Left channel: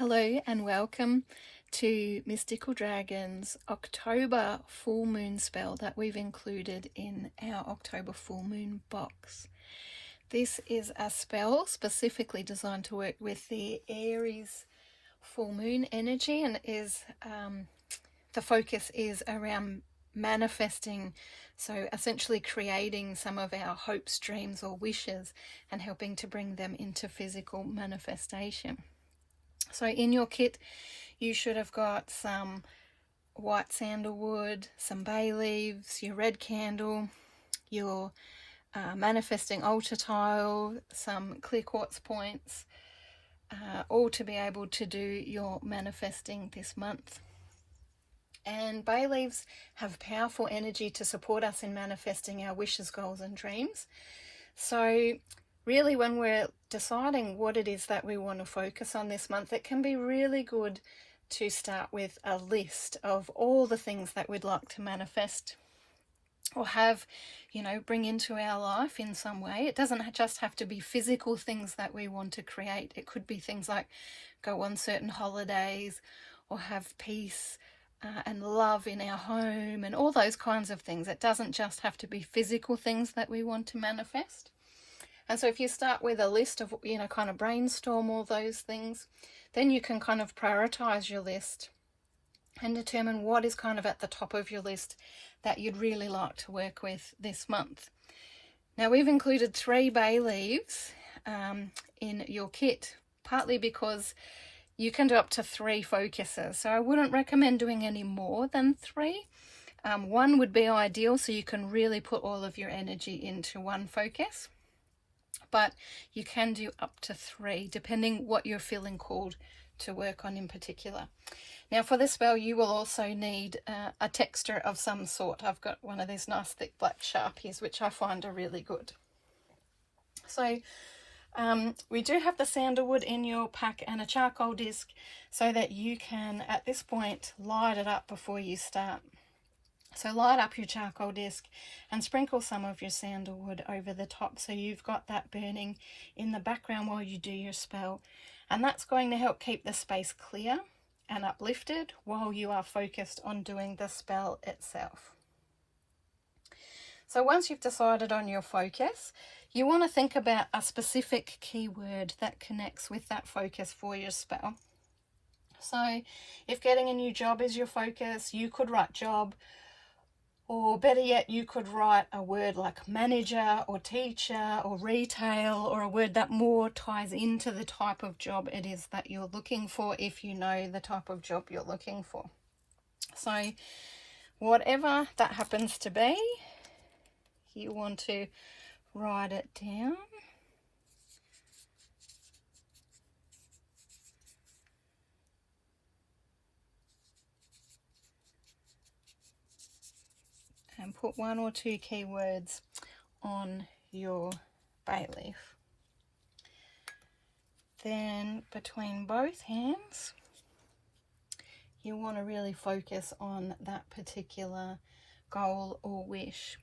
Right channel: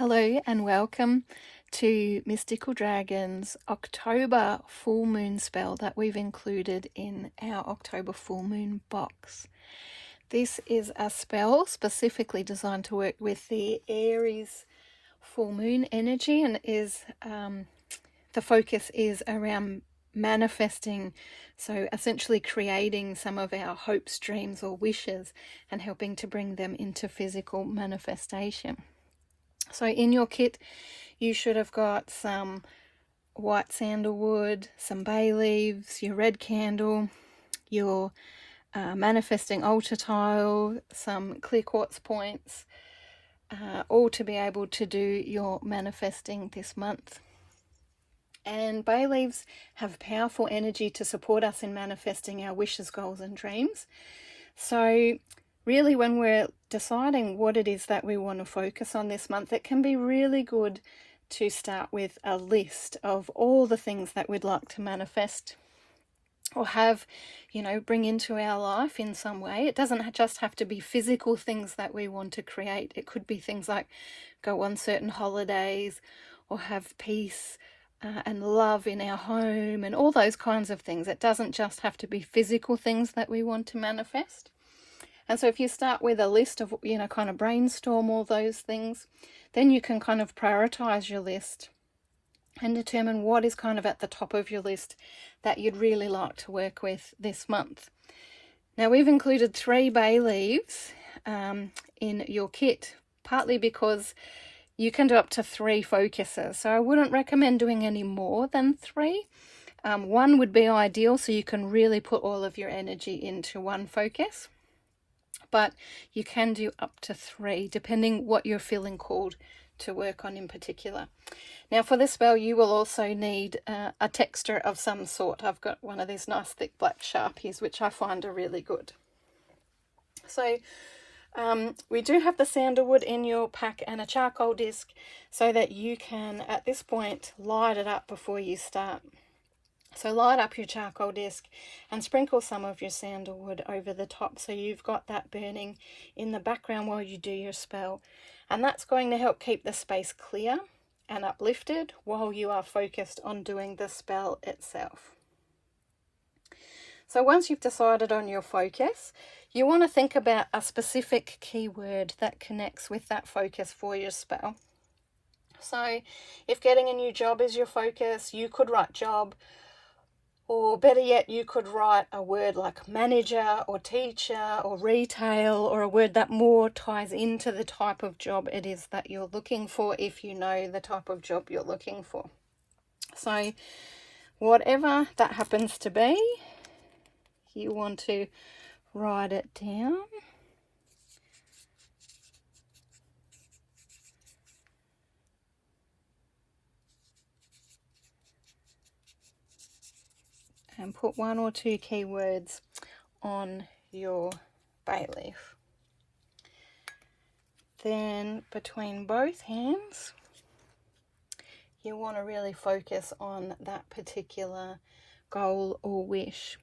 Hello and welcome to Mystical Dragon's October full moon spell that we've included in our October full moon box. This is a spell specifically designed to work with the Aries full moon energy, and the focus is around manifesting, so essentially creating some of our hopes, dreams or wishes and helping to bring them into physical manifestation. So in your kit you should have got some white sandalwood, some bay leaves, your red candle, your manifesting altar tile, some clear quartz points, all to be able to do your manifesting this month. And bay leaves have powerful energy to support us in manifesting our wishes, goals and dreams. So really, when we're deciding what it is that we want to focus on this month, it can be really good to start with a list of all the things that we'd like to manifest or have, bring into our life in some way. It doesn't just have to be physical things that we want to create. It could be things like go on certain holidays or have peace and love in our home and all those kinds of things. It doesn't just have to be physical things that we want to manifest. And so if you start with a list of, kind of brainstorm all those things, then you can kind of prioritize your list and determine what is kind of at the top of your list that you'd really like to work with this month. Now, we've included 3 bay leaves in your kit, partly because you can do up to 3 focuses. So I wouldn't recommend doing any more than 3. 1 would be ideal, so you can really put all of your energy into one focus. But you can do up to 3, depending what you're feeling called to work on in particular. Now, for this spell, you will also need a texta of some sort. I've got one of these nice thick black Sharpies, which I find are really good. So we do have the sandalwood in your pack and a charcoal disc so that you can, at this point, light it up before you start. So light up your charcoal disc and sprinkle some of your sandalwood over the top so you've got that burning in the background while you do your spell. And that's going to help keep the space clear and uplifted while you are focused on doing the spell itself. So once you've decided on your focus, you want to think about a specific keyword that connects with that focus for your spell. So if getting a new job is your focus, you could write job. Or better yet, you could write a word like manager or teacher or retail, or a word that more ties into the type of job it is that you're looking for, if you know the type of job you're looking for. So whatever that happens to be, you want to write it down. And put 1 or 2 keywords on your bay leaf. Then between both hands, you want to really focus on that particular goal or wish.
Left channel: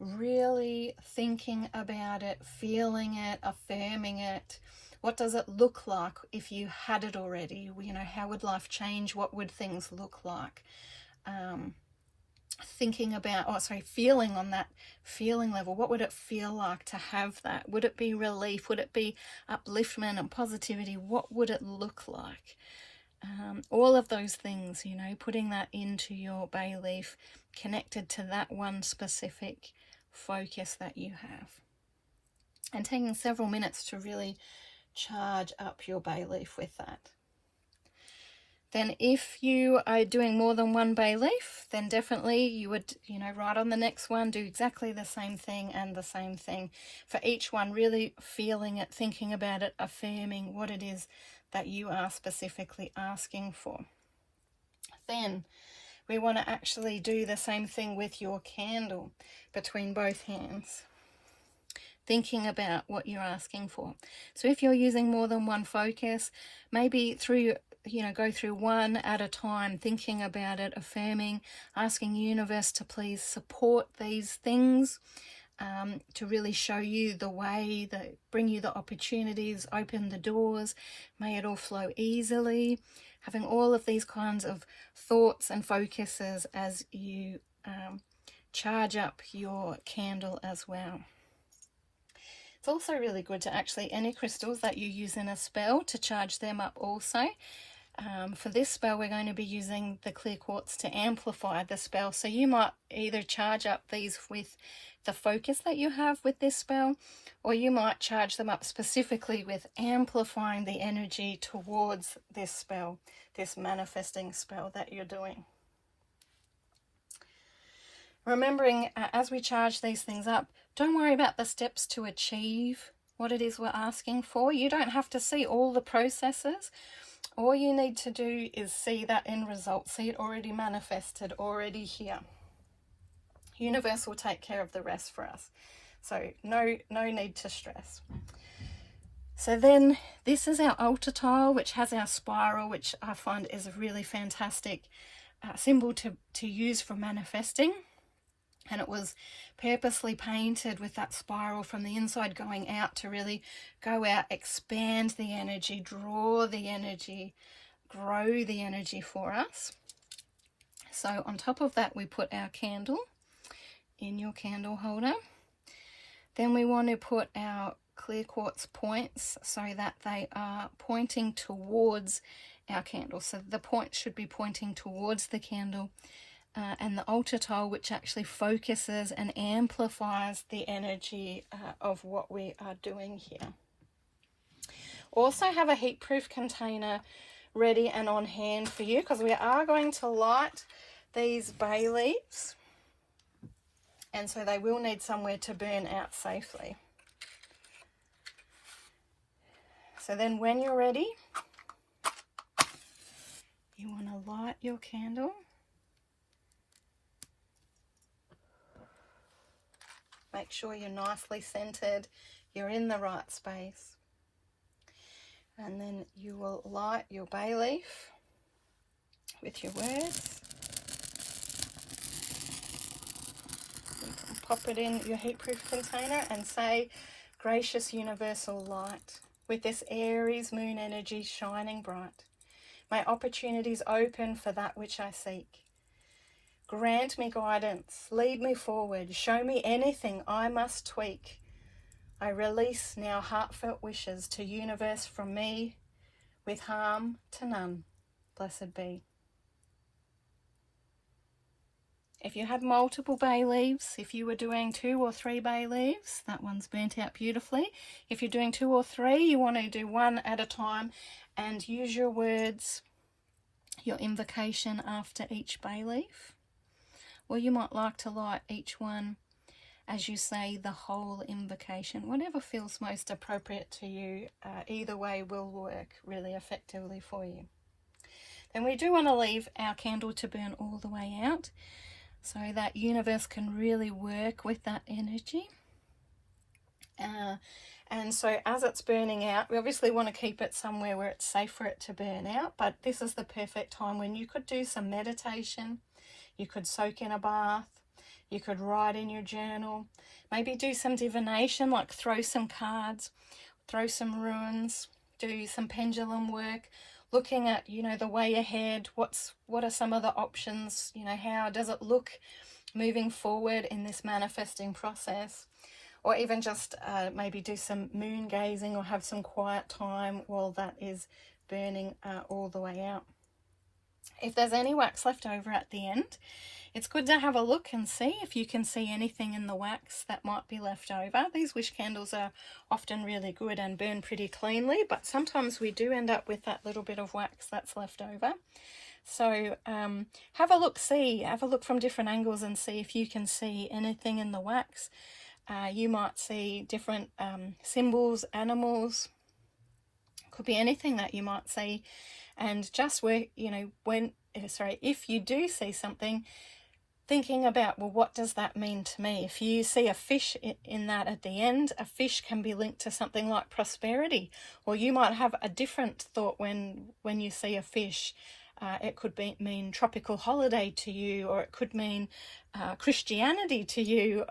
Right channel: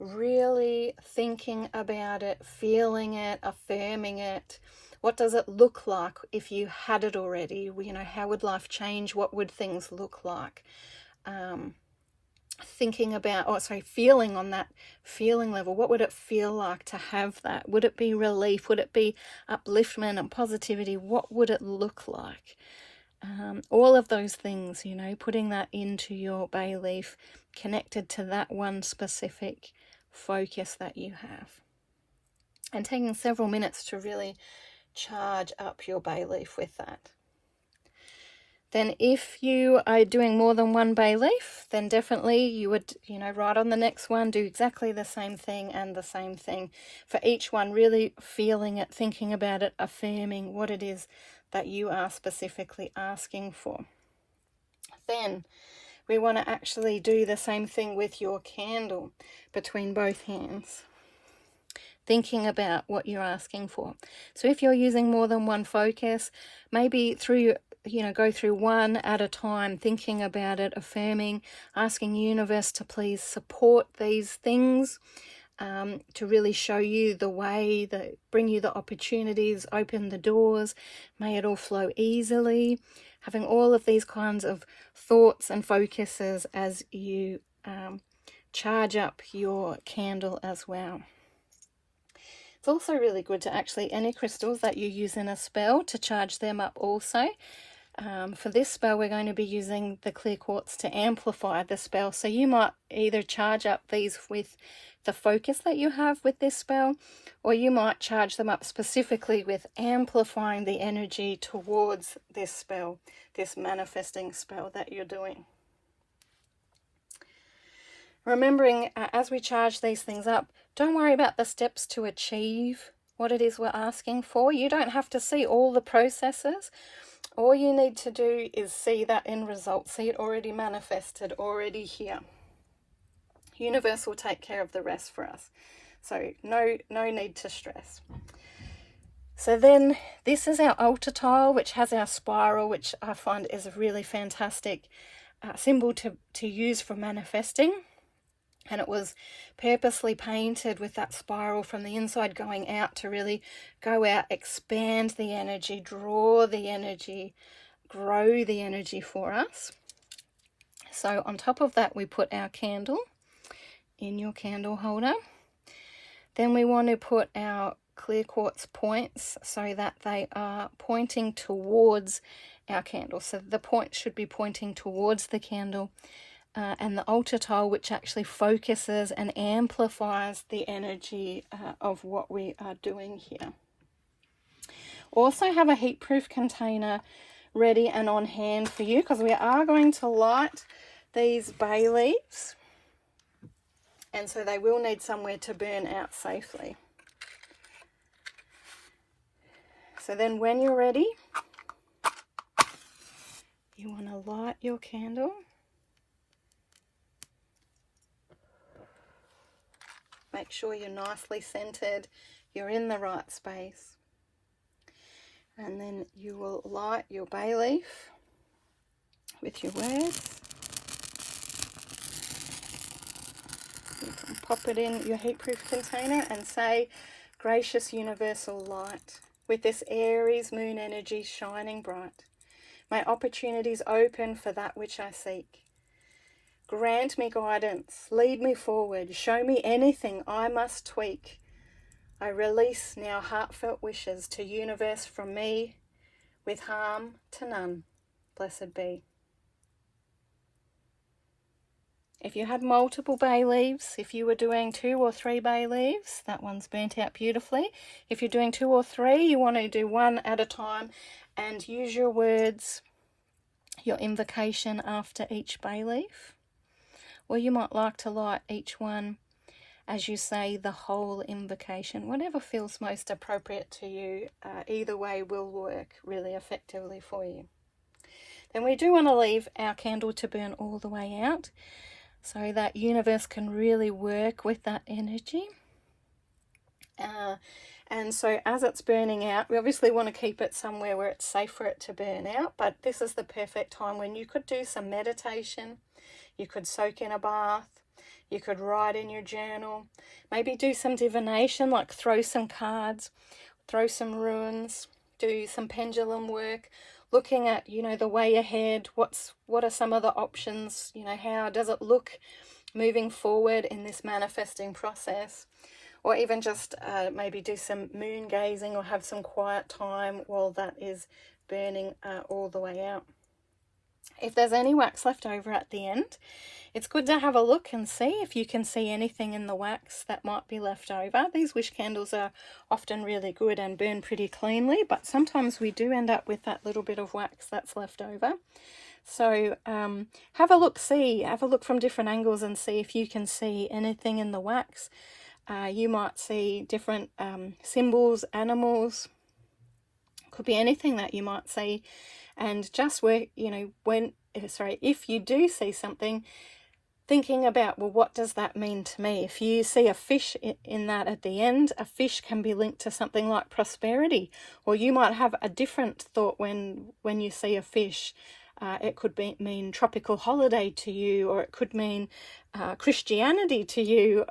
Really thinking about it, feeling it, affirming it. What does it look like if you had it already? How would life change? What would things look like? Feeling on that feeling level. What would it feel like to have that? Would it be relief? Would it be upliftment and positivity? What would it look like? All of those things, putting that into your bay leaf, connected to that one specific focus that you have. And taking several minutes to really charge up your bay leaf with that. Then if you are doing more than 1 bay leaf, then definitely you would, write on the next one, do exactly the same thing and the same thing. For each one, really feeling it, thinking about it, affirming what it is that you are specifically asking for. Then we want to actually do the same thing with your candle between both hands. Thinking about what you're asking for. So if you're using more than 1 focus, maybe go through 1 at a time, thinking about it, affirming, asking universe to please support these things, to really show you the way, bring you the opportunities, open the doors, may it all flow easily, having all of these kinds of thoughts and focuses as you charge up your candle as well. It's also really good to actually, any crystals that you use in a spell, to charge them up also. For this spell, we're going to be using the clear quartz to amplify the spell. So you might either charge up these with the focus that you have with this spell, or you might charge them up specifically with amplifying the energy towards this spell, this manifesting spell that you're doing. Remembering, as we charge these things up, don't worry about the steps to achieve what it is we're asking for. You don't have to see all the processes. All you need to do is see that end result, see it already manifested, already here. Universe will take care of the rest for us. So no need to stress. So then this is our altar tile, which has our spiral, which I find is a really fantastic symbol to use for manifesting. And it was purposely painted with that spiral from the inside going out to really go out, expand the energy, draw the energy, grow the energy for us. So on top of that, we put our candle in your candle holder. Then we want to put our clear quartz points so that they are pointing towards our candle. So the point should be pointing towards the candle. And the altar tile, which actually focuses and amplifies the energy of what we are doing here. Also have a heatproof container ready and on hand for you, because we are going to light these bay leaves, and so they will need somewhere to burn out safely. So then when you're ready, you want to light your candle. Make sure you're nicely centered, you're in the right space. And then you will light your bay leaf with your words. You can pop it in your heatproof container and say, gracious universal light, with this Aries moon energy shining bright, my opportunities open for that which I seek. Grant me guidance, lead me forward, show me anything I must tweak. I release now heartfelt wishes to universe from me, with harm to none, blessed be. If you had multiple bay leaves, if you were doing 2 or 3 bay leaves, that one's burnt out beautifully. If you're doing 2 or 3, you want to do one at a time and use your words, your invocation after each bay leaf. Or you might like to light each one as you say the whole invocation. Whatever feels most appropriate to you, either way will work really effectively for you. Then we do want to leave our candle to burn all the way out, so that universe can really work with that energy. And so as it's burning out, we obviously want to keep it somewhere where it's safe for it to burn out, but this is the perfect time when you could do some meditation. You could soak in a bath, you could write in your journal, maybe do some divination, like throw some cards, throw some runes, do some pendulum work, looking at, the way ahead, what are some of the options, how does it look moving forward in this manifesting process, or even just maybe do some moon gazing or have some quiet time while that is burning all the way out. If there's any wax left over at the end, it's good to have a look and see if you can see anything in the wax that might be left over. These wish candles are often really good and burn pretty cleanly, but sometimes we do end up with that little bit of wax that's left over. So have a look from different angles and see if you can see anything in the wax. You might see different symbols, animals, could be anything that you might see. And just work, if you do see something, thinking about, well, what does that mean to me? If you see a fish in that at the end, a fish can be linked to something like prosperity, or you might have a different thought when you see a fish. It could mean tropical holiday to you, or it could mean Christianity to you.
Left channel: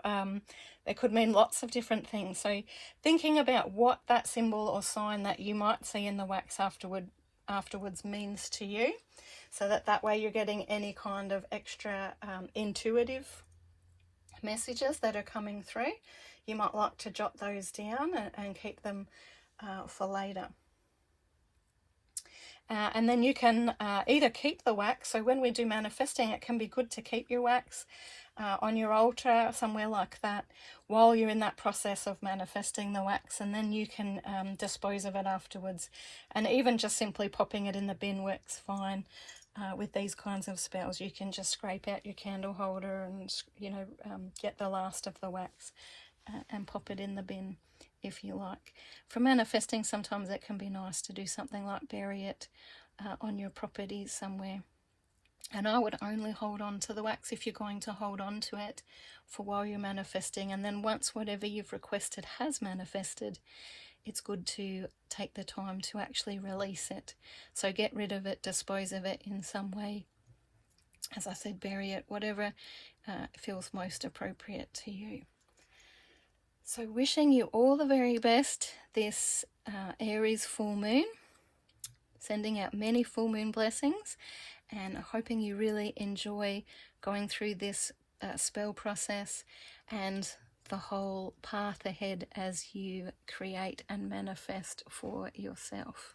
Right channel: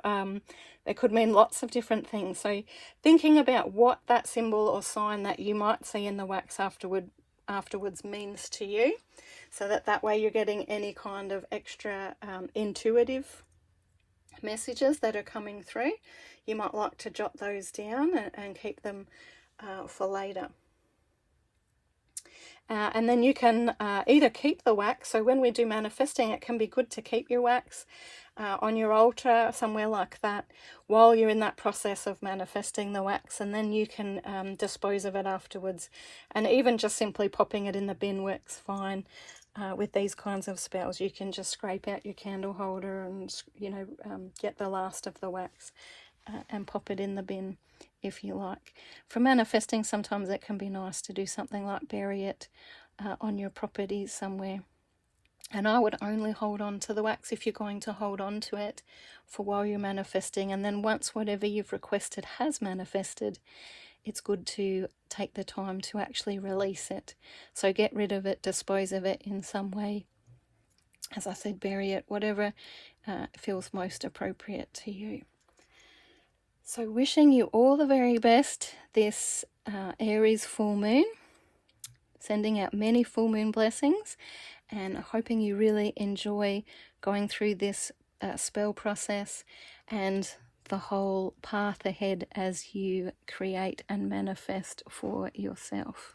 It could mean lots of different things. So thinking about what that symbol or sign that you might see in the wax afterwards means to you, so that way you're getting any kind of extra intuitive messages that are coming through. You might like to jot those down and keep them for later. And then you can either keep the wax. So when we do manifesting, it can be good to keep your wax on your altar, somewhere like that, while you're in that process of manifesting the wax, and then you can dispose of it afterwards. And even just simply popping it in the bin works fine. With these kinds of spells, you can just scrape out your candle holder and, you know, get the last of the wax and pop it in the bin if you like. For manifesting, sometimes it can be nice to do something like bury it on your property somewhere. And I would only hold on to the wax if you're going to hold on to it for while you're manifesting. And then once whatever you've requested has manifested, it's good to take the time to actually release it. So get rid of it, dispose of it in some way. As I said, bury it, whatever feels most appropriate to you. So wishing you all the very best this Aries full moon. Sending out many full moon blessings, and hoping you really enjoy going through this spell process and the whole path ahead as you create and manifest for yourself.